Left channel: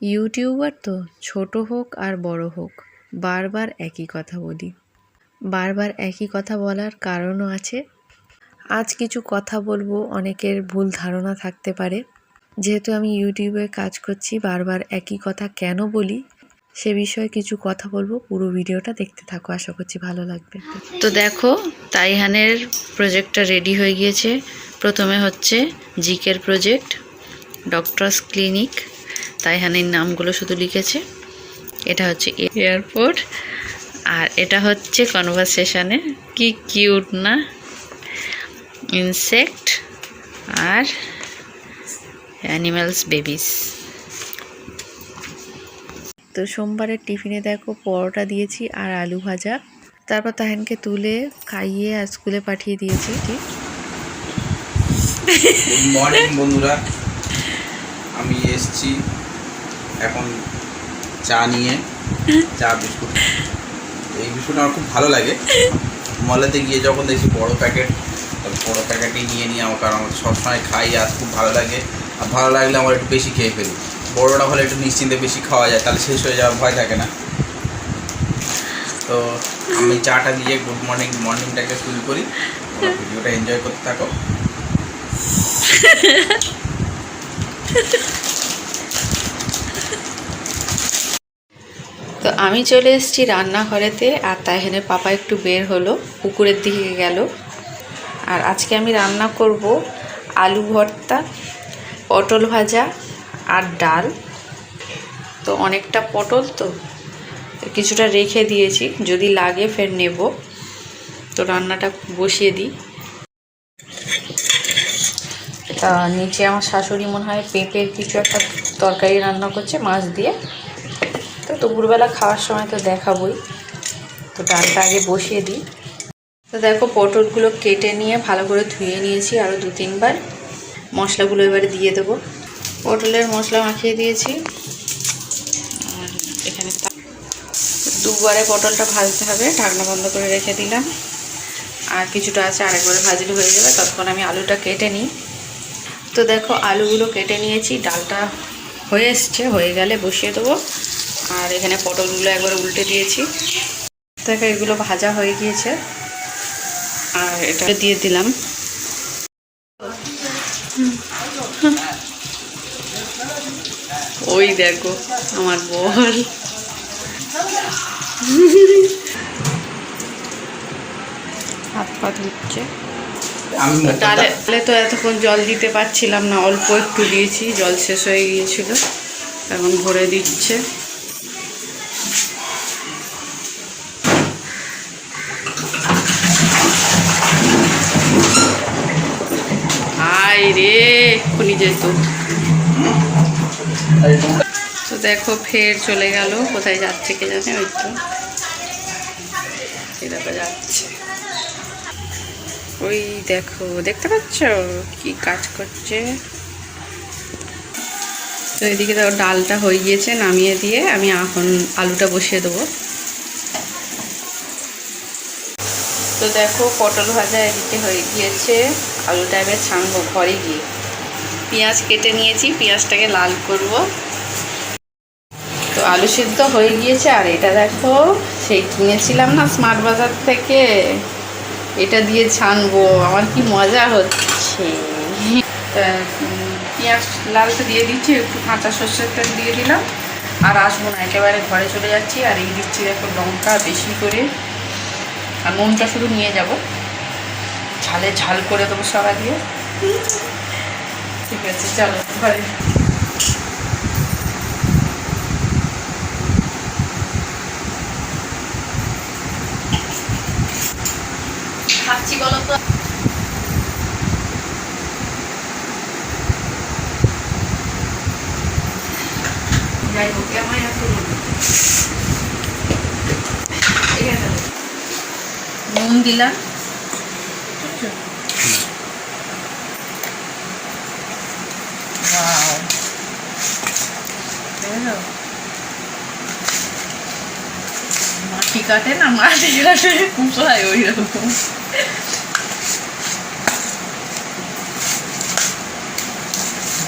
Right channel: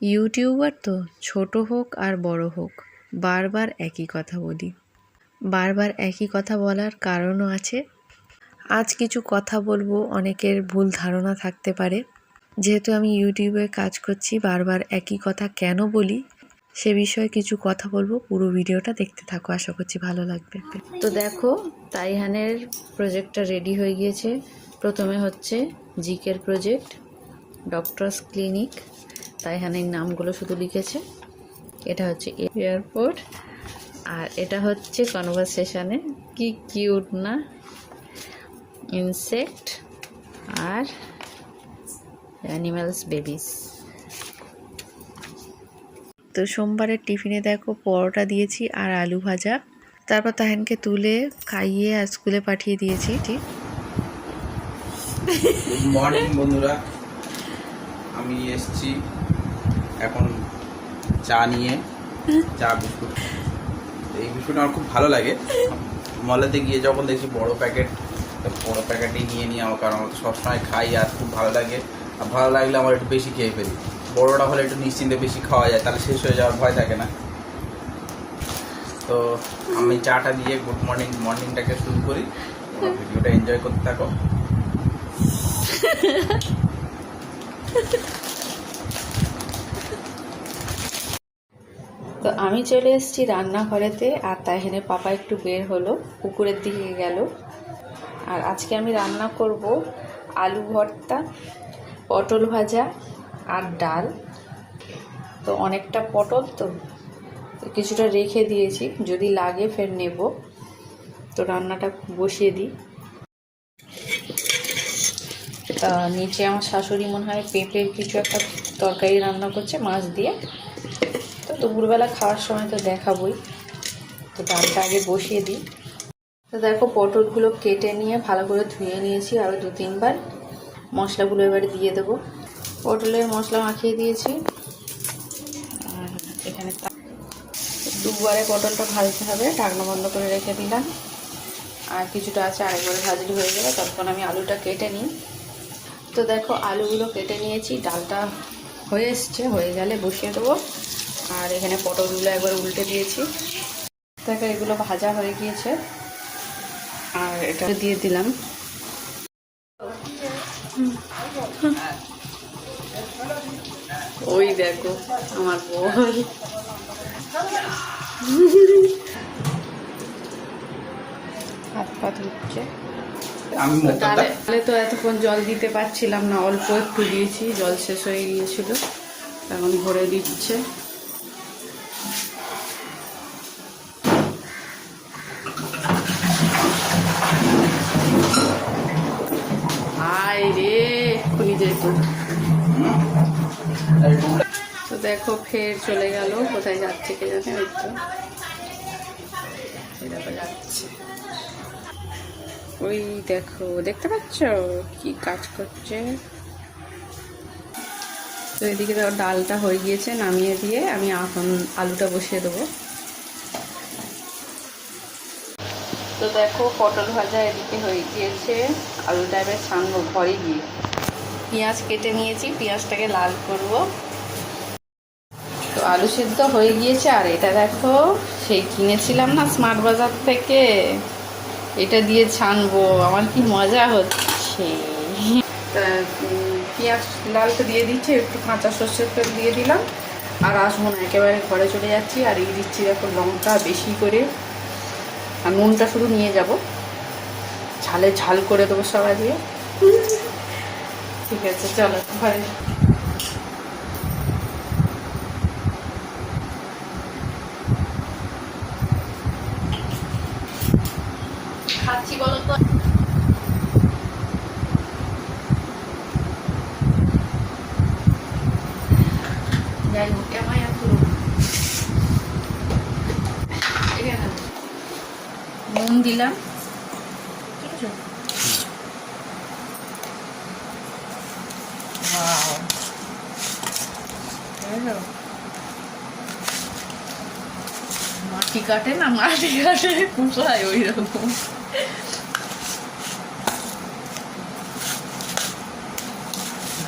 YouTuber তো ছোট হোক আর বড় হোক, বারবার একই কথা বলি। বারবার একই কথা বলার কারণও আছে। আজ কিছু কথা বলবো, অনেকের ভুল ধারণা থাকতে পারে। যেহেতু আমি ইউটিউবে কাজ করছি, বারবার একই কথা কেন বলি সে বিষয়ে কিছু কথা বলবো। পুরো ভিডিওটা দেখতে থাকো, আশা করছি ভালো লাগবে। তো দেখো, তাইহানের প্রজেক্টটা রেডি হয়ে গিয়েছে। প্রথমে হচ্ছে জিকের প্রজেক্ট, ডক্টরস ক্লিনিক, তাইহানের নামগুলো শুধু লিখেছে। এটা হচ্ছে এয়ারপোর্ট, আর এটা হচ্ছে কনভারসেশনে। কি কিউট না, ইনসেক্ট আর অ্যানিম্যালস বেবিস। তো সোমবারের টিফিনে দেখো পরোটা দিয়েছি আর আলু ভাজা। তারপর তাহেনকে তুলে খাইয়ে আর স্কুলে পাঠিয়ে দিয়েছি। গুড মর্নিং বন্ধুরা, আমি এসছি এখন চা নিয়ে। চা বিস্কুট, এই বিস্কুট আমার খুব ভালো লাগে। মলেতে গিয়ে যখন দেখি বড়ো প্যাকেটই নিয়ে নিই আমার, কারণ আমার সবসময় খাই আর খুব ভালো লাগে। আর ভালো লাগলে আমার একটু বেশি খেয়ে ফেলি। বড়োটা হলে একটু নিশ্চিন্তে বেশি খাওয়া যায়, তাহলে শেষ হয়ে যাওয়ার ভয় থাকে না। তো আমি চাটা দিয়ে গুড মর্নিংটাকে শুরু করি। ভিডিওটা এনজয় করতে থাকো। তো আমি চলে এসেছি রান্নাঘরেতে, আর তাইহানের পাপা একটু বের হলো, পুকুরের দিকে গেল। আর আজকে আমি রান্না করব আলু ভর্তা, পটল ভাজা আর ডাল। তো অনেকটা পটল, তো কিছুটা রেখে দিয়েছি, যদি লাগে ফের নেব। তো রান্নাটা বসিয়ে দিই। নিচে আমার শাশুড়ি মনে হয় পেঁপের কিছু একটা তরকারি রান্না করছে মাছ দিয়ে। তো দুপুরবেলা খাওয়ার সময় তো দেখাবই। তো ডালটা আগে বসিয়ে দিই। তো দেখো, পটলগুলো কেটে নিয়ে ভালো করে ধুয়ে নিয়েছি আরও 2-3 বার। মশলাগুলো এবারে দিয়ে দেবো। পটলের মশলা মাখিয়ে দিয়েছি। আর এখানে 2বারে পটলটা ভাজতে হবে, ঢাকনা বন্ধ করে রেখে দিলাম। আর কিছুটা আছে, আরেকবারে ভাজলে হয়ে যাবে। ততক্ষণ আমি আলুটা কেটে নিই। তো দেখো, আলুগুলো কেটে নিয়েছি, ডালটা হয়ে এসছে, হয়ে গেলে বসিয়ে দেবো। আর এখানে পটলগুলো একবার উল্টে দিয়েছি। দেখো, এগুলো ভাজা হয়ে গিয়েছে, আর এটা দিয়ে দিলাম। ওই দেখো আমার বল হাত পা ধুচ্ছে। ডালে তো এতক্ষণ জল দিতে পারছিলাম না, অল্প একটু দিয়েছি, জল শেষ হয়ে গিয়েছিল। এখন ভরে দিচ্ছে। হাই রে, এক্ষুনি যেত। তো দেখো, ফের চলে গেল, কোথায় যাচ্ছে কে জানে। ওই তো দেখো যাচ্ছে। ওই দেখো, দেখতে পাচ্ছ কি কাজ করছে। তো এদিকে দেখো, ডালটা হয়ে গিয়েছে, নামিয়ে দিয়ে আমি এখন আলুটা বসিয়ে দেবো। তো দেখো, পটল ভাজা এদিকে হয়ে গিয়েছে, আলুটা এবার ছানবো ঘরে গিয়ে। পেঁয়াজ কেটে নিয়েছি, পেঁয়াজটাকে লাল করব। তো আলু সিদ্ধ হয়ে গিয়েছে। আর এটা দেখো, সেই কিনেছিলাম না স্মার্ট বাজার থেকে, এটা দিয়ে ছানবো। আমার কি মজা হচ্ছে। পেঁয়াজ লালটা দিয়ে দিচ্ছি, একটু কাঁচা সর্ষের তেল দিয়ে দিলাম। আর আসবো না, একেবারে ঘরে চলে যাচ্ছি। আর এই দিচ্ছি দেখো লঙ্কা বেশি করে, আর নুনটা শুধু নিয়ে যাব, ঝালে ঝাল করে দেবো সবাই দিয়ে। ঠিক আছে, চলো ঘরে। খাচ্ছি বলো তো। যাই হোক, আমায় নুন দিলাম, মাটি কাটে না, মাটি কাটে কুপায় ওই রকম।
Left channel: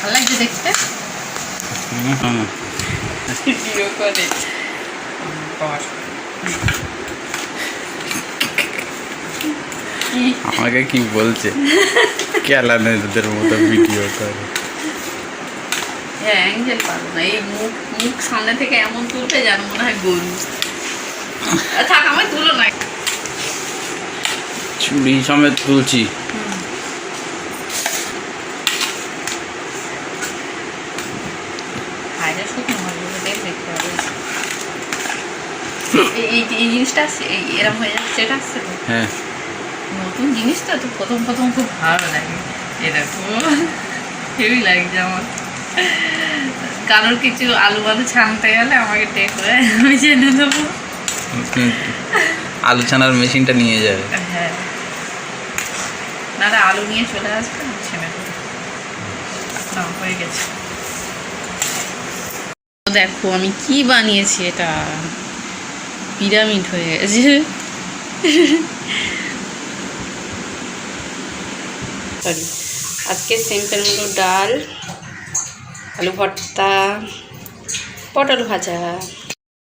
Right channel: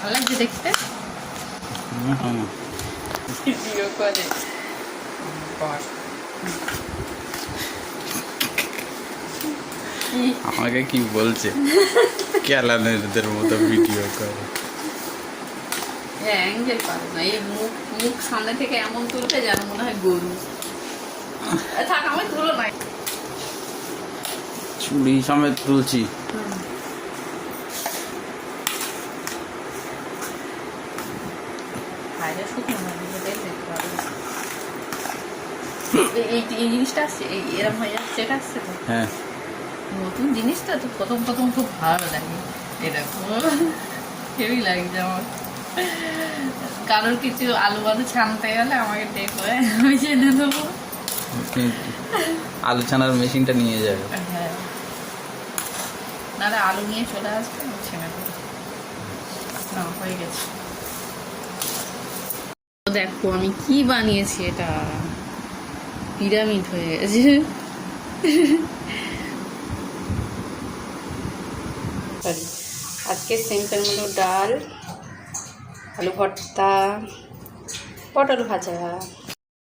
ভালো লাগছে দেখতে। ভিডিও করে আমাকে কি বলছে ক্যালানেরদের মতো ভিডিও করে। অ্যাঙ্গেল পাবো না, এই মুখ মুখ সামনে থেকে এমন তুলবে যেন মনে হয় গরু। থাক আমার তুলো না। চুড়ি সমেত তুলছি। এই জিনিসটা আসছে, এরম হয়ে যাচ্ছে, এটা আসছে তো হ্যাঁ, নতুন জিনিসটা তো প্রথম প্রথম খুব ভালো লাগে। এরকম হেভি লাগছে আমার। কারোর কিছু আলু বালু ছানতে গেলে আমাকে ডেকে আমি জেনে দেবো। আলু ছানার মেশিনটা নিয়ে যাবে। হ্যাঁ, নাহলে আলু নিয়ে চলে আসবে, আমি ছেনে দেবো। না, হয়ে গেছে। দেখো আমি কি বানিয়েছি, এটা পিরামিড হয়ে গেছে। আজকে সিম্পল মতো ডাল, আলু ভর্তা, পটল ভাজা।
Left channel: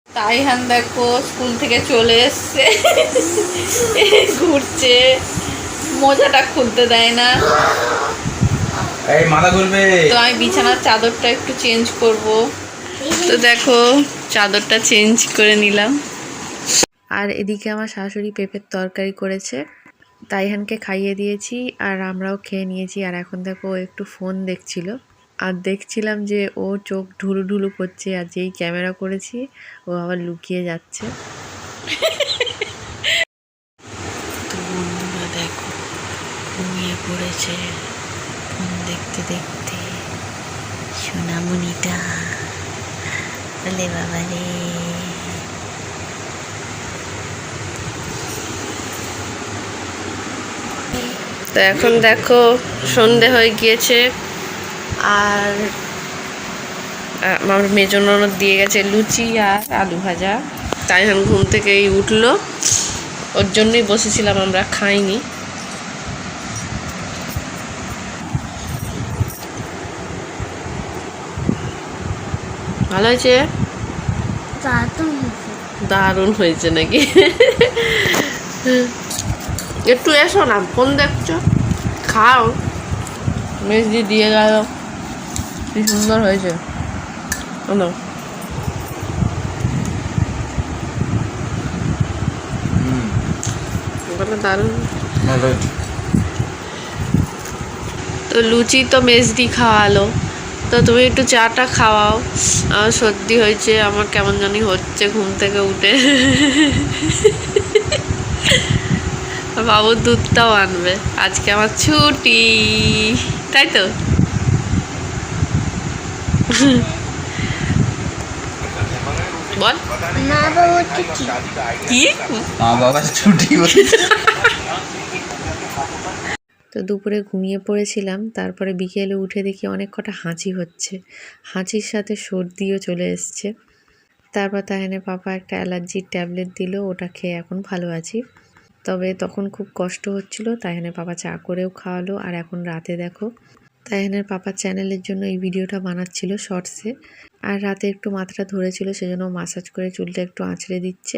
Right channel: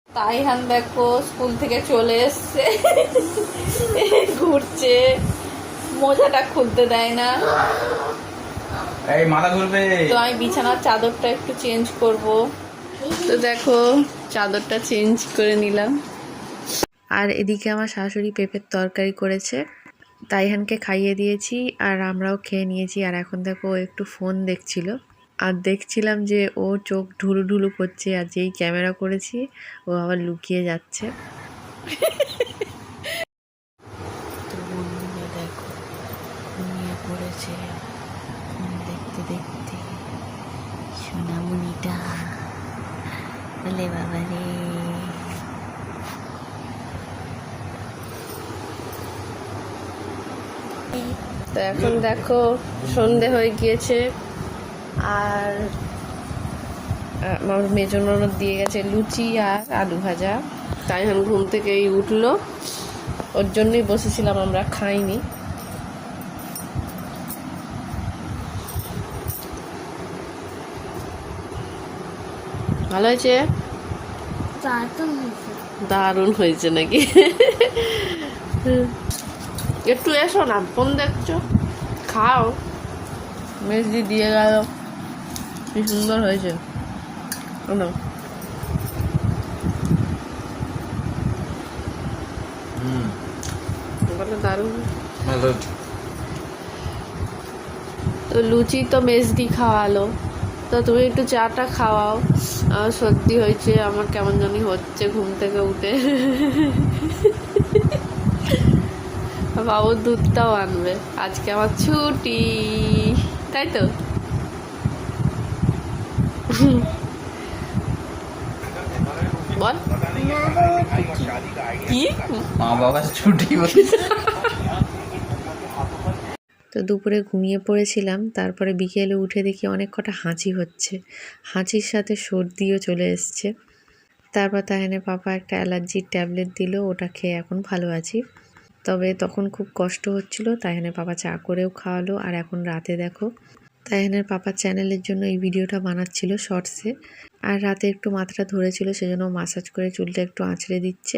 তাই হান দেখো স্কুল থেকে চলে এসছে, ঘুরছে, মোজাটা খুলতে দেয় না। এই মাথা ঘুরবে। তো আমি বিছানার চাদরটা একটু চেঞ্জ করব, তো দেখো চাদরটা চেঞ্জ করে নিলাম। আর এদিকে আমার শাশুড়ি পেঁপের তরকারি করেছে, তাইহানকে খাইয়ে দিয়েছি আর আমরাও খেয়ে নিয়েছি। আর এখন দেখো ও একটু ফোন দেখছিল, আর দেখছিলাম যে ও চোখ ঢুলু ঢুলু করছে, আর যেই ক্যামেরা করেছি ও আবার লুকিয়ে যাচ্ছে। তো বন্ধুরা দেখো ঘুমিয়ে পড়েছে ফোন দেখতে দেখতে সোনামণিটা। বলে বাবা রে, তো এখন দেখো সন্ধে হয়ে গিয়েছে, আর আমার মেজো ননদ দিয়ে গেছে লুচি আর আলু ভাজা। তাই এখন ঘুম থেকে উঠলো, ওর জন্যই বসেছিলাম, আমরা খাইনি। ভালো হয়েছে, দারুণ হয়েছে নাকি? একটু এসো না, ফোন দেখছো, খাও। মেজদি দিয়ে গেল, কি সুন্দর হয়েছে। শোনো, দারুণ। তো লুচি তো মেজদি খাওয়ালো, তো তুমি একটু চাটা খাওয়াও। আমার সর্দি হয়েছে, আমার কেমন জানি হচ্ছে ঘুম থেকে উঠে। বাবুর দুধটাও আনবে, আজকে আমার ছুটি, তাই তো? বল কি বাবা ছুটি। তো দুপুরে ঘুমিয়ে পড়েছিলাম, তারপরে বিকেলে উঠে দেখি অনেক কটা হাঁচি হচ্ছে, হাঁচির সাথে সর্দিও চলে এসছে। তারপর তাহলে পাপা একটা অ্যালার্জির ট্যাবলেট দিল, ওটা খেয়ে এখন ভালো আছি। তবে তখন খুব কষ্ট হচ্ছিল, তাইহানের পাপা চা করেও খাওয়ালো। আর এখন রাতে দেখো তাইহানের পাপার চ্যানেলের জন্য এই ভিডিওটা বানাচ্ছিল শর্টসে, আর রাতে একটু মাথাটা ধরেছিল, সেজন্য মাসাজ করে চুলটা একটু আঁচড়ে দিচ্ছে।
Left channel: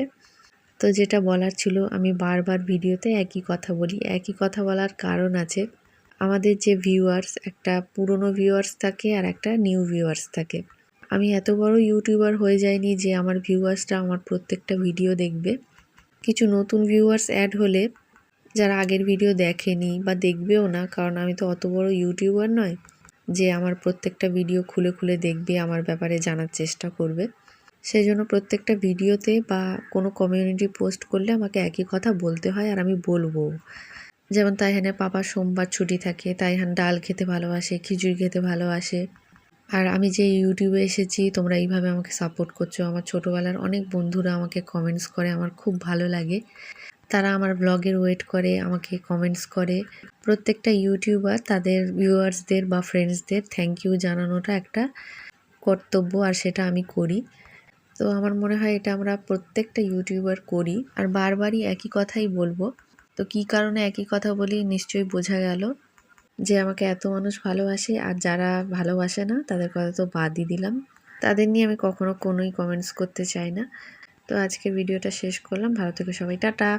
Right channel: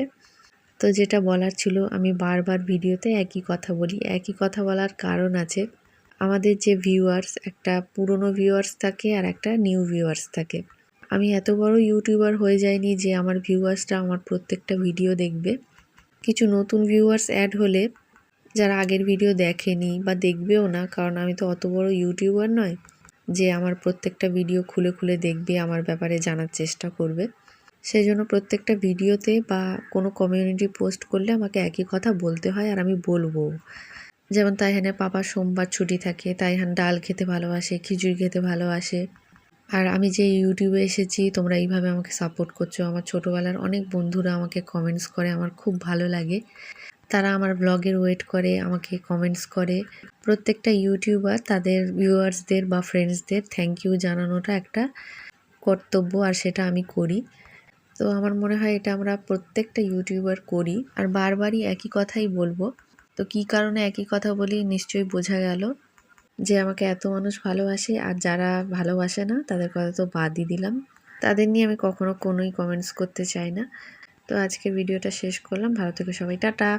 তো যেটা বলার ছিল, আমি বারবার ভিডিওতে একই কথা বলি, একই কথা বলার কারণ আছে। আমাদের যে ভিউয়ার্স, একটা পুরনো ভিউয়ার্স থাকে আর একটা নিউ ভিউয়ার্স থাকে। আমি এত বড় ইউটিউবার হয়ে যাইনি যে আমার ভিউয়ার্সরা আমার প্রত্যেকটা ভিডিও দেখবে। কিছু নতুন ভিউয়ার্স অ্যাড হলে, যারা আগের ভিডিও দেখেনি বা দেখবেও না, কারণ আমি তো অত বড় ইউটিউবার নয় যে আমার প্রত্যেকটা ভিডিও খুলে খুলে দেখবে, আমার ব্যাপারে জানার চেষ্টা করবে। সেই জন্য প্রত্যেকটা ভিডিওতে বা কোনো কমিউনিটি পোস্ট করলে আমাকে একই কথা বলতে হয়, আর আমি বলবো। যেমন তাইহানের পাপা সোমবার ছুটি থাকে, তাইহান ডাল খেতে ভালোবাসে, খিচুড়ি খেতে ভালোবাসে। আর আমি যে ইউটিউবে এসেছি, তোমরা এইভাবে আমাকে সাপোর্ট করছো। আমার ছোটোবেলার অনেক বন্ধুরা আমাকে কমেন্টস করে, আমার খুব ভালো লাগে। তারা আমার ব্লগের ওয়েট করে, আমাকে কমেন্টস করে। প্রত্যেকটা ইউটিউবার তাদের ভিউয়ার্সদের বা ফ্রেন্ডসদের থ্যাংক ইউ জানানোটা একটা কর্তব্য, আর সেটা আমি করি। তো আমার মনে হয় এটা আমরা প্রত্যেকটা ইউটিউবার করি, আর বারবারই একই কথাই বলবো। তো কী কারণে একই কথা বলি নিশ্চয়ই বোঝা গেল, যে আমাকে এত মানুষ ভালোবাসে, আর যারা ভালোবাসে না তাদের কথা তো বাদই দিলাম। তাদের নিয়ে আমি কখনো কোনোই কমেন্টস করতে চাই না। তো আজকের ভিডিওটা শেষ করলাম। ভালো থেকো সবাই, টাটা।